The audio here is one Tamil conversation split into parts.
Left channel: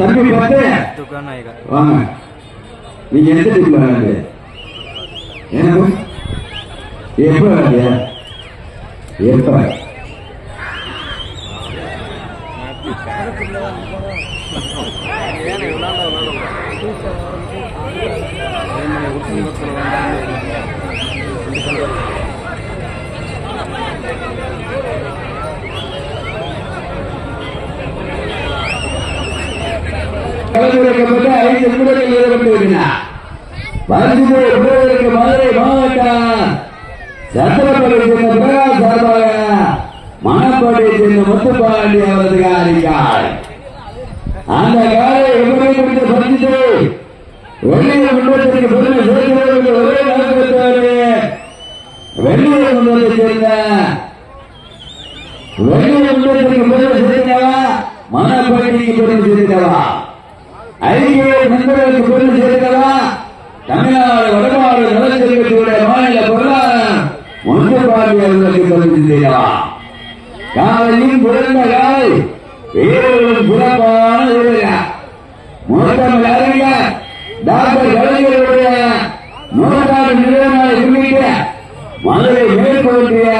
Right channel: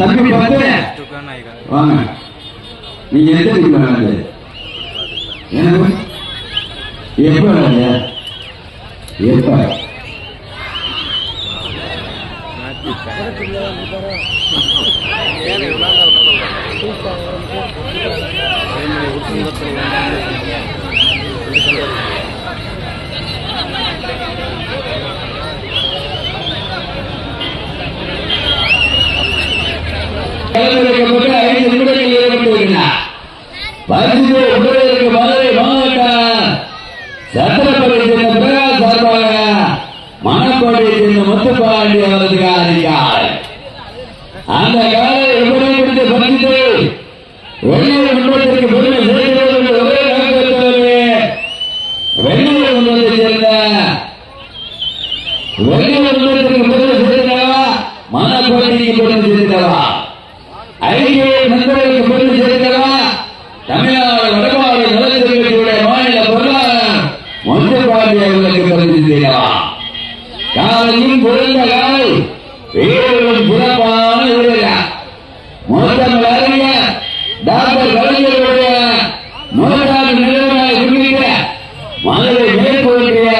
தம்பி பார்த்து வாங்க. நீங்க எடுத்துட்டு வராது என்ன எப்ப வராது எப்ப மதுரை மாவட்டம் சத்திரப்பள்ளி சார்பாக மணப்பாடி முத்துப்பாண்டி அவர்களுக்கு அறிவித்தார். அந்த காலை எப்படி பறித்து வெள்ளைய முன்னேற்றத்திற்கு பெருமை சேர்ந்தவர்கள் ஒரே வெள்ளைய முன்னேற்றத்தை சேர்ந்த வெள்ளைய முன்னேற்றத்திற்கு பெருமை சேர்ந்தவா மணப்பாடிக்கு பெருமை சேர்ந்தவா ஐக்கிய நண்பர்களுக்கு பெருமை சேர்ந்தவா தமிழ்நாடு வடமாநில நலத்திற்குடைய மாநில பொருளாளர் முத்துப்பாண்டி அவர்களுக்கு பெருமை சேர்ந்தவா காலையும் பிறந்த காலை வேறும் சிறப்பான மோட்டம் அறிஞ டாக்டர் கலைஞருடைய மோட்டார் நிலையமாக இருக்கின்ற மதுரை மேற்கொண்டிய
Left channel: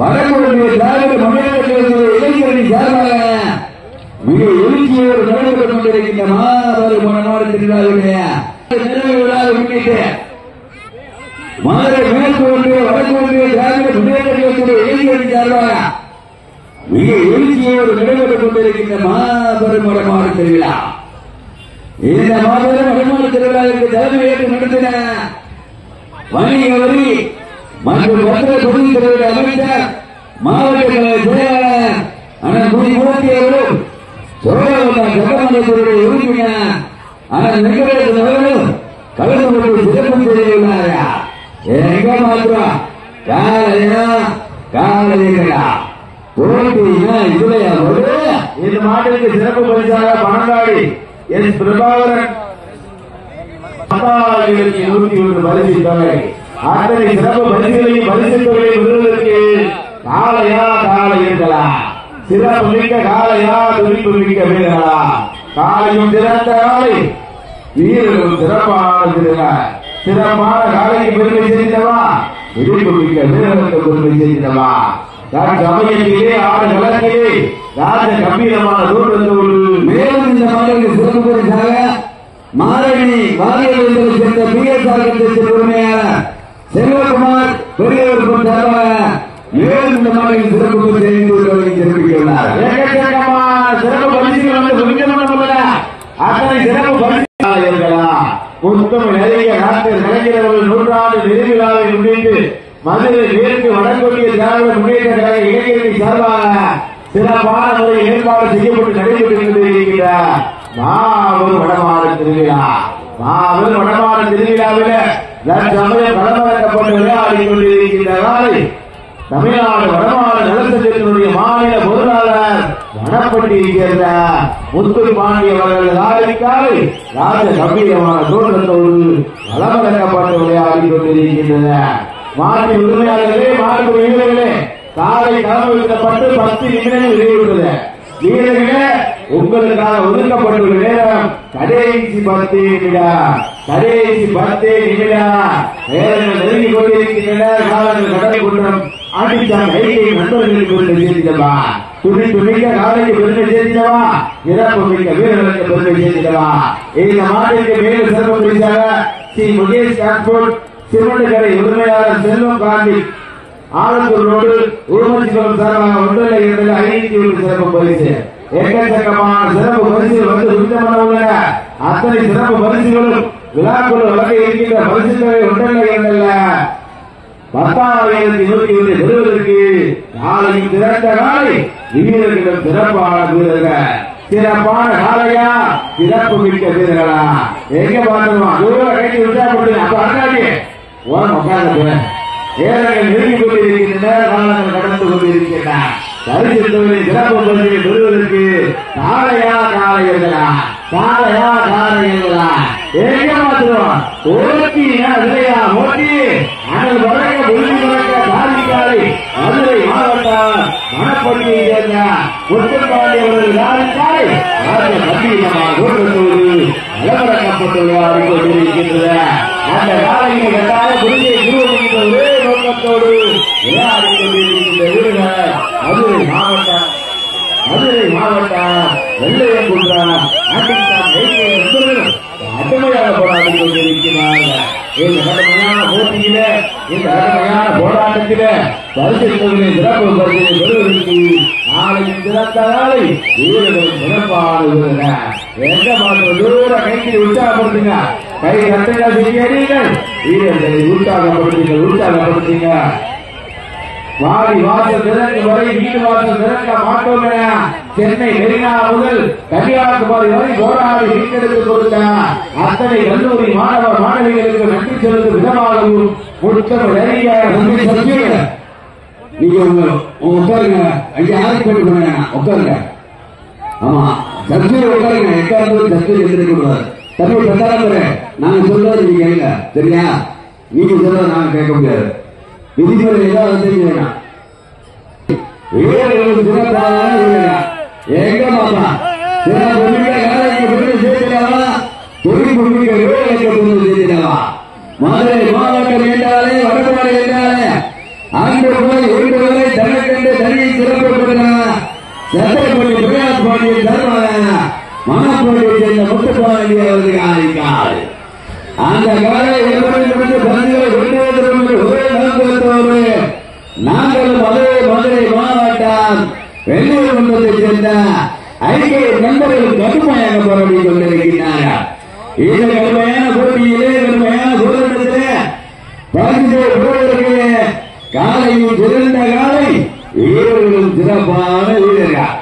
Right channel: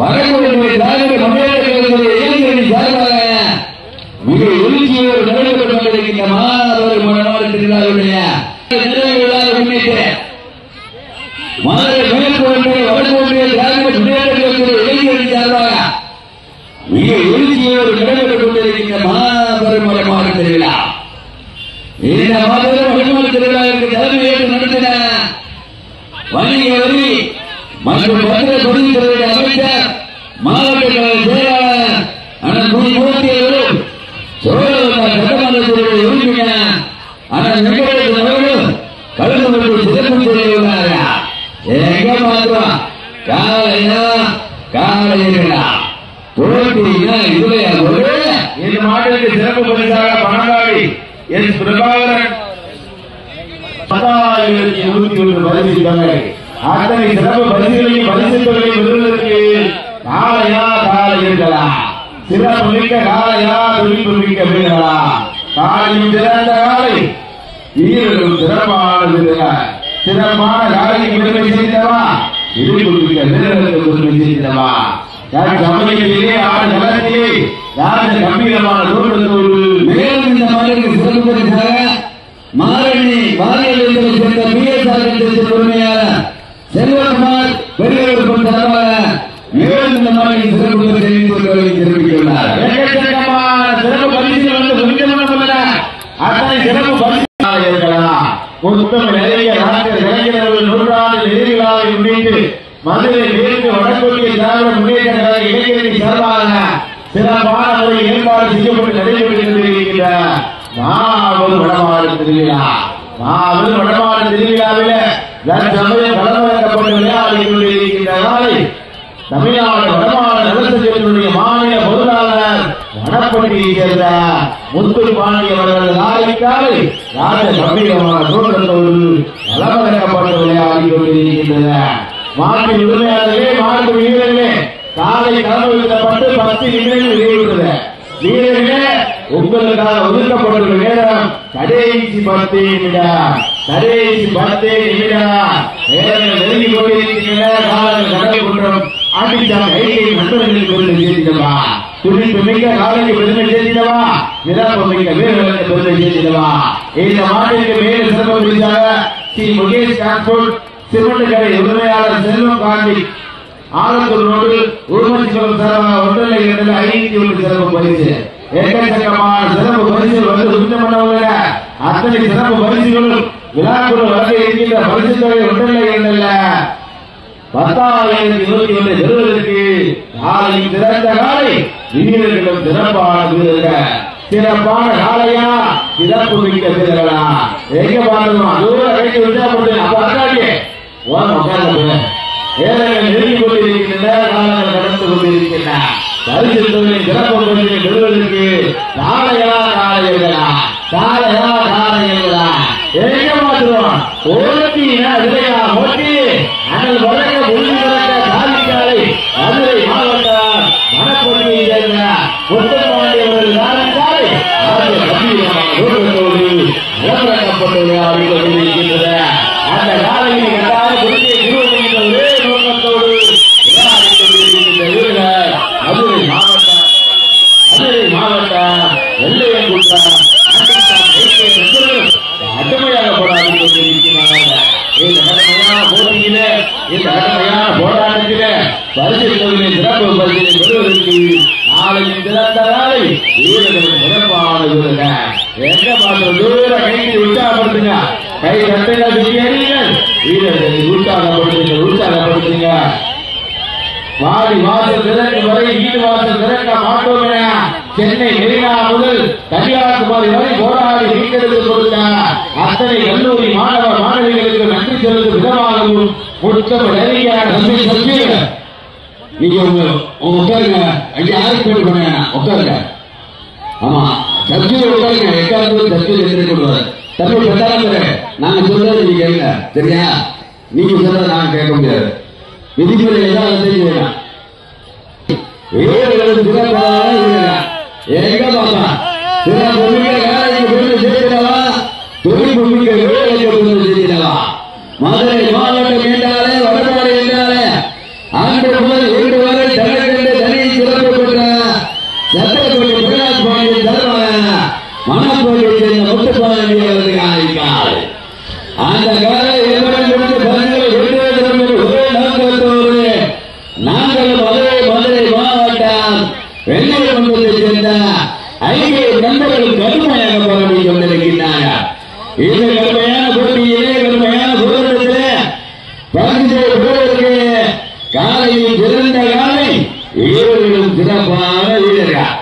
வடகொண்டிய திராவிட முன்னேற்றத்தினுடைய இளைஞரணி சார்பாக மிக எழுச்சியோடு நடைபெற்றுக் கொண்டிருக்கின்ற மாணவர் மாவட்டத்தினுடைய நிறைவு விழாவை முன்னிட்டு மதுரை மேற்கொண்டிய வடகொண்டிய திராவிட முன்னேற்றத்தினுடைய இளைஞரணி சார்பாக மிக எழுச்சியோடு நடைபெற்றுக் கொண்டிருக்கின்ற மாபெரும் வடமாடு திருவிழா. இந்த மாபெரும் வடமாடு திருவிழாவிற்கு தலைமையேற்று நடத்தின வணிக வரி மற்றும் மதுரை தொழில்துறை அமைச்சர் மாவட்ட செயலாளர் அண்ணன் குடிமூர்த்தி அவர்களும் சட்டமன்றத்தினுடைய உறுப்பினர் அண்ணன் வெங்கடேசன் அவர்களும் கலந்து கொண்டு சிறப்பு செய்துள்ளார்கள். எங்க மாத்திரம் காலையா காலையா இந்த நாட்டிற்கு சிறப்பு பரிசாக பணக்காடி எஸ் பிரபாகரன் 10,721 பரிசுகளை அத்தனை சிறப்பு பரிசுகளையும் பரிசுகளை விருதுக்கு காலையா காலையா சிறப்பு மிக்க காலையா துணிப்பு மிக்க வீரர்களா காலையும் சிறந்த காலை வீரர்களும் சிறப்பான காலைக்கு பெருமை செய்தவா துணிப்பு மிக்க வீரர்களுக்கு பெருமை செய்தவா சமயத்திலே ஆடு நிலத்திலே ராஜ கம்பீரமான தோற்றத்தோடு மேலும் இந்த மலைக்கு சிறப்பு பரிசாக மாரணி வாரியத்தை சேர்ந்த பிஎஸ்ஆர் பொறுமையாளர் செல்வகுமார் பெரியவர் சார்பாக மேலும் இந்த மலைக்கு சிறப்பு பரிசை தெரிவித்துள்ளார். சிறப்பு பரிசு அத்தனை சிறப்பு பரிசு இருக்கலாம். உத்தம நிறைய டாக்டர் கலைஞர்கள் நூற்றாண்டு நிதிவிழாவை முன்னிட்டு மதுரை மேற்கு வடகொண்டிய திராவிட முன்னேற்ற கழக இளைஞரணி சார்பாக சிறப்பான ஒரு ஏற்பாடு செய்யப்பட்டு நடைபெற்றுக் கொண்டிருக்கிறார். மாபெரும் வடமாடு திருவிழா. மாபெரும் வடமாடு திருவிழாவில் படமாக்கப்பட்டு விளையாடிக் கொண்டிருக்கிறார். தமிழ்நாடு வடமாடு நலசங்கத்தினுடைய மாநில பொருளாளர் வடப்பட்டியை சேர்ந்த முத்துப்பாண்டி அவர்கள் ஆதரிக்காது ராஜ கம்பீரமான தோற்றத்தோடு படமாக்கப்பட்டு விளையாடிக் கொண்டிருக்கின்றனர். மாட்டு உரிமையாளர்களே மாட்டு வீரர்களே காலை கலந்துவிடப்பட்டு 10 நிமிடங்கள் நிறைவுறுகிறது. வீரர்களே உங்களுக்காக ஒதுக்கப்பட்டுள்ள நேரம் கடைசி 10 நிமிடம். கடைசி 10 நிமிடம் நேரம் நெருங்கி கொண்டிருக்கின்ற காலங்கள் கடல் கூட்டம் அடித்த கையை நண்பர்களுக்கு பெருமை சேர்த்திடவா துணிப்பு மிக்க காலைக்கு பெருமை சேர்த்திடவா சிறப்பு மிக்க வீரர்களுக்கு பெருமை சேர்த்திடவா. இந்த மாநிலத்திற்கு மேலும் சிறப்பு பரிசாக ஸ்ரீ முகேஷ் டிரான்ஸ்போர்ட் சிறுவண்டக்கரை உரிமையாளர் செல்வம் பாண்டி ஆலத்தூர் ரோடு உருமச்சிவரம் சார்பாக 1,501 சிறப்பு பரிசு. எக்கச்சக்கமான சிறப்பு பரிசுகள் வந்து சுத்தமான அத்தனை சிறப்பு பரிசுகளும் விழாக்குழு வகை இருக்கின்ற பரிசு தொகை 10,127 பெறுவதற்கு நாளையும் சிறந்த காலை வீரர்களும் சிறப்பான வீரர்கள் சிறப்பான காலையா சிறப்பு மிக்க வீரர்களா எங்க பாருமா தூரம் கைக்கு விசாரப்பட்டு அப்ப அண்ணாடியே ஏழைகள் நெருங்கிக் கொண்டிருக்கின்ற காலங்கள் கடந்து கொண்டிருக்கின்றன. பரிசு தொகையை சிறப்பு பரிசை பெறுவதற்கு காலையா காலையா காலையா காலையா எங்க மாற்றுவோம் ஓட்டி விலையா ஓட்டி நாங்கள் வழங்க ஒழுங்கு கிடக்க சாதிக்காலை மதுரை மாவட்டம் மணப்பட்டியை சேர்ந்த முத்துப்பாண்டி அவர்கள் கம்பீரமான தோற்றத்தோடு அலங்கரிக்கப்பட்டு விளையாடிக் கொண்டிருக்கின்றன. அந்த காலையை கட்டாய குருதியை குருவமைத்த ஒரே நோக்கத்தோடு விளையாடிக் கொண்டிருக்கின்ற வீரர்கள் மதுரை மாவட்டம் வெள்ளையங்குன்றம் அட்டமையாக போராடிக் கொண்டிருக்கிறார்கள். இந்த கடுமையான போட்டியில இந்த கடுமையான போராட்டத்தில பரிசுகளை சிறப்பு பரிசை பெறுவதற்கு நாளைக்கு சிறந்த நாளை வீரர்கள் சிறப்பான எங்க மாற்றம் தூர கைக்கு உற்சாகப்படுத்துங்க. கை கட்டுங்க செய்யறீர்கள். வீரர்களை உற்சாகப்படுத்துங்க. வாடி வாசல் திறக்க வரை வீடு வாசல் திறக்க மாட்டோம் என சென்னை மெரினா முதல் கன்னியாகுமரி வரை போராடி மீட்டெடுத்து கொடுத்த அத்தனை கல்லூரி மாணவ மாணவிகளுக்கு நன்றி செலுத்தும் விதமாகவும் நீங்க உட்காருங்க. ஐயா யாருக்கு பேர் பண்ண உட்காருங்க. ஆமா சர்ச்சையை உட்காருங்க. எக்காரணத்தும் சர்ச்சை எடுத்துக்கூடாது. தமிழ் பிரச்சாரம் நாங்க சொல்றது நீங்க கேளுங்க. சரியா? நீங்க சொல்றத நாங்க கேட்க முடியாது. விதிமுறை ஏதாவது செய்ய வேண்டாம். வீரர்களுக்கு சிறப்பாக எங்க பாப்பா சில பொருட்களை சேர்த்தாவா தொழில் பொருட்களை சேர்த்தாவா மதுரை மாவட்டம் என்றாலே வடமாடு என்றாலே ஆண்டு முதல் 2 வரை தனக்கென்று தனியை சிறப்பிக்கிறார். சட்டப்படி பிரகாஷ் பாண்டியன் தலைமையான மணப்போட்டியை சேர்ந்த முத்துப்பாண்டி அவர்கள் ஆதிக்கார். அந்த காலை நாங்கள் மதுரை மாவட்டம் வெள்ளையங்குன்றத்தை சேர்ந்த ஐக்கிய நண்பர்கள் கடுமையாக போராடி கொண்டிருக்கின்றனர். இந்த கடுமையான போட்டியிலே கடுமையான போராட்டத்திலே பரிசு பெறுவதற்கு காலையில் சிறந்த காலை வீரர்களும் சிறப்பான வீரர்கள்.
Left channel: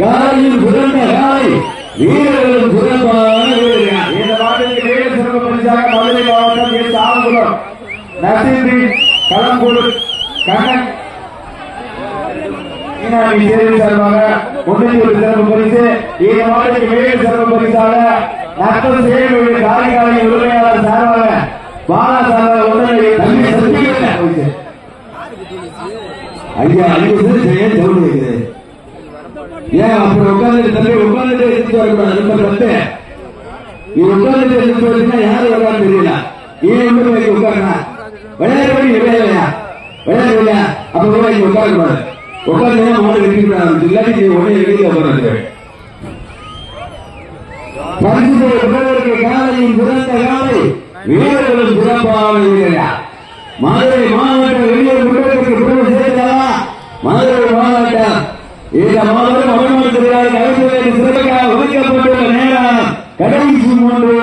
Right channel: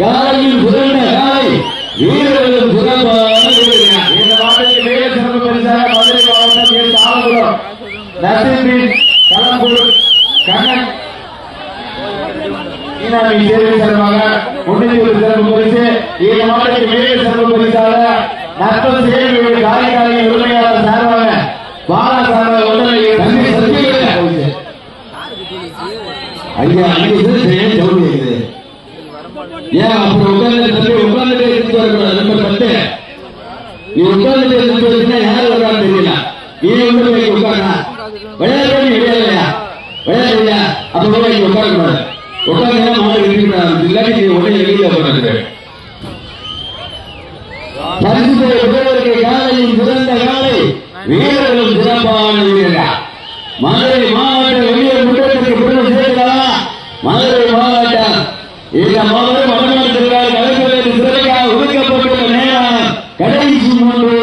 காலையில் சிறந்த காலை வீரர்களும் சிறப்பான வீரர்கள். இந்த மாநில வீர சிறப்பு பரிசாக மதுரை மாவட்டம் ஆலங்குளம் நரசிம்மன் களம்பூர் கண்ணன் ஈனாமி தேர்வு சார்பாக 300 சிறப்பு பரிசு. இந்த மாநில வீர சிறப்பு பரிசாக நற்பது சேவை காரைக்காலை உரிமையாளர் சார்பாக பால சார்பாக ஐயா ஏன் அப்படி உட்கார்ந்து நீ உட்கார்ந்து யாரு வர்றான்னு தெரியல. நீ உட்கார்ந்தா விளையாடி விளையாடலையா விளையாடலையா அப்ப உட்காரக்கூடாது. உட்கார்ந்து மாடு இல்லாட்டி நீ உடனே வெளியில போறாரு. காலையில் சிறந்த காலை வீரர்களும் சிறப்பான வீரர். மதுரை மாவட்ட வெளியூர் குற்றத்திற்கு சேர்ந்தவா மதுரை மாவட்டம் இந்த மாவட்டம் வடமாவட்டத்திற்கு ஒதுக்கப்பட்டுள்ள நேரம் கடைசி 3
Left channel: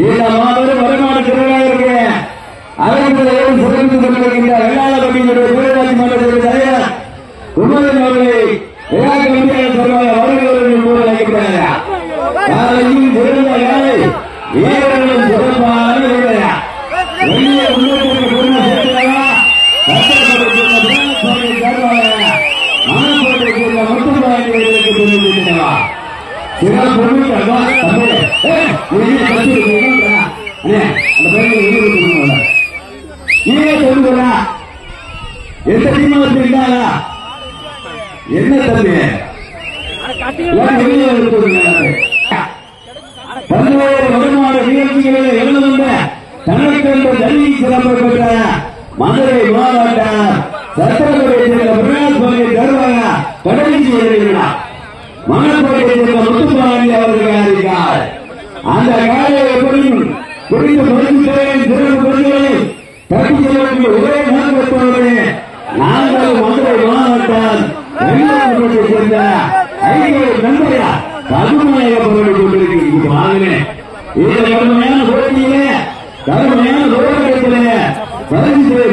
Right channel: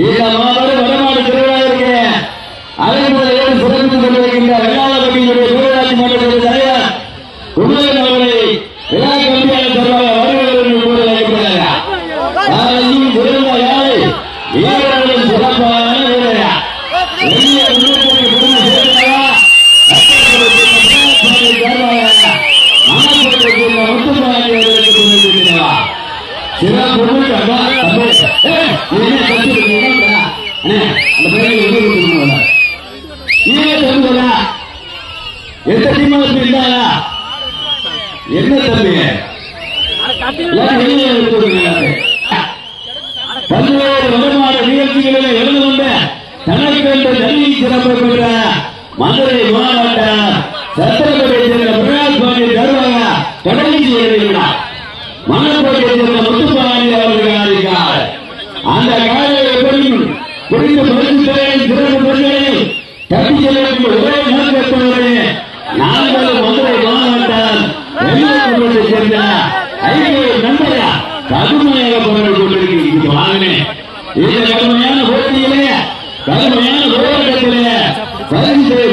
இந்த மாவட்டம் வடமாவட்டத்திற்கு அரசு சிறந்து கொண்டிருக்கின்ற வெள்ளாளப்பட்டியுடைய பேராட்சி மன்றத்தின் தலைவர் உணவன் அவர்களை விழா கமிட்டியாளர் சார்பாக வருகிறவர்கள் அழைக்கிறார்கள். காலையில் சிறந்த காலை வீரர்களும் சிறப்பான வீரர்கள். மதுரை மாவட்டம் சட்டப்பேட்டை சேர்ந்த பிரகாஷ் பாண்டியன் தருவாங்க கடலை செய்கிறார். மாணவர்களை சேர்ந்த முத்துப்பாண்டி அவர்கள் அறிவித்தார். அந்த காலையை எப்படியும் குறித்த பரிசுகளை சிறப்பு பொருட்களை தட்டி செல்வதற்கு ஒரே நோக்கத்தோடு நாங்கள் மதுரை மாவட்டம் வெள்ளையங்குன்றத்தை சேர்ந்த ஐக்கிய நண்பரையா கடுமையாக போராடி கொண்டிருக்கிறேன். இந்த கடுமையான போட்டியிலே கடுமையான போராட்டத்திலே பரிசுகளை